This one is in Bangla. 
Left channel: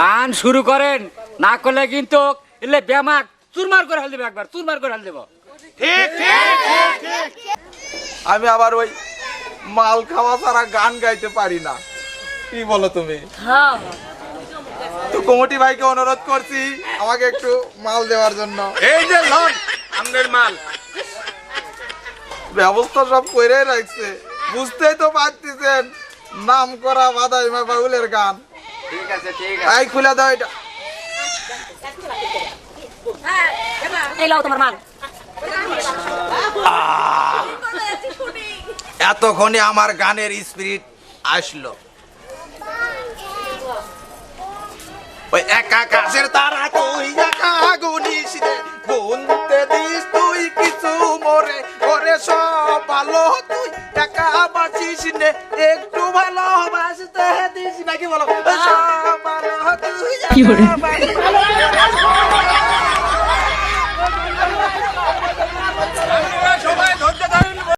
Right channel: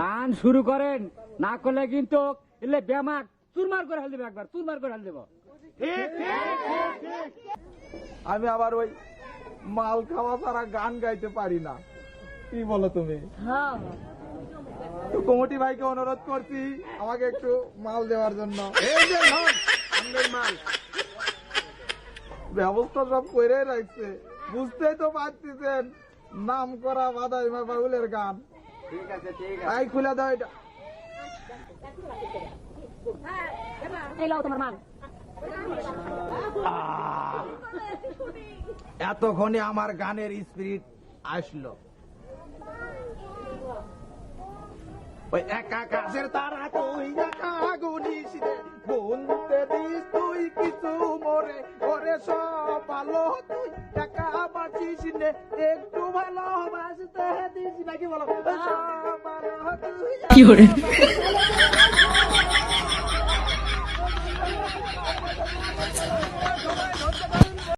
গান শুরু করেন, না করলে কিন্তু এলে ব্যামাক চুরমার করে হাল দেবে, একবার চুরমার করে হাল দেব। আমি আবার ওই মাল খাওয়া ছাড়া গান গাইতে পারি না, কি বলো তুমি? তো কমিটি ভাইকে অনুরোধ করছি আমাকে একটু মাল দেওয়ার জন্য। এই যে লন আমনের মাল। ব্যবস্থা সব করে রাখছে, বুঝতেই তো পারতেছেন নাম করা বাদাইমা বাউলের গান। ঠিক আছে, ঠিক এই খুলে দাও এটা। এই লাও তোমার মাল। এতক্ষণে আমার গানের স্পিরিট আসলো। ওই একা কাছের তারা তুই একা গুনিস রে, গুনতে দিস তুই কিছু মোরে, ওরে সব ভালো তুই একা বাঁচিস নে, একটু ভালোবাসতে দিস নাকি বলো, সব ভালো তুই কি করে? একা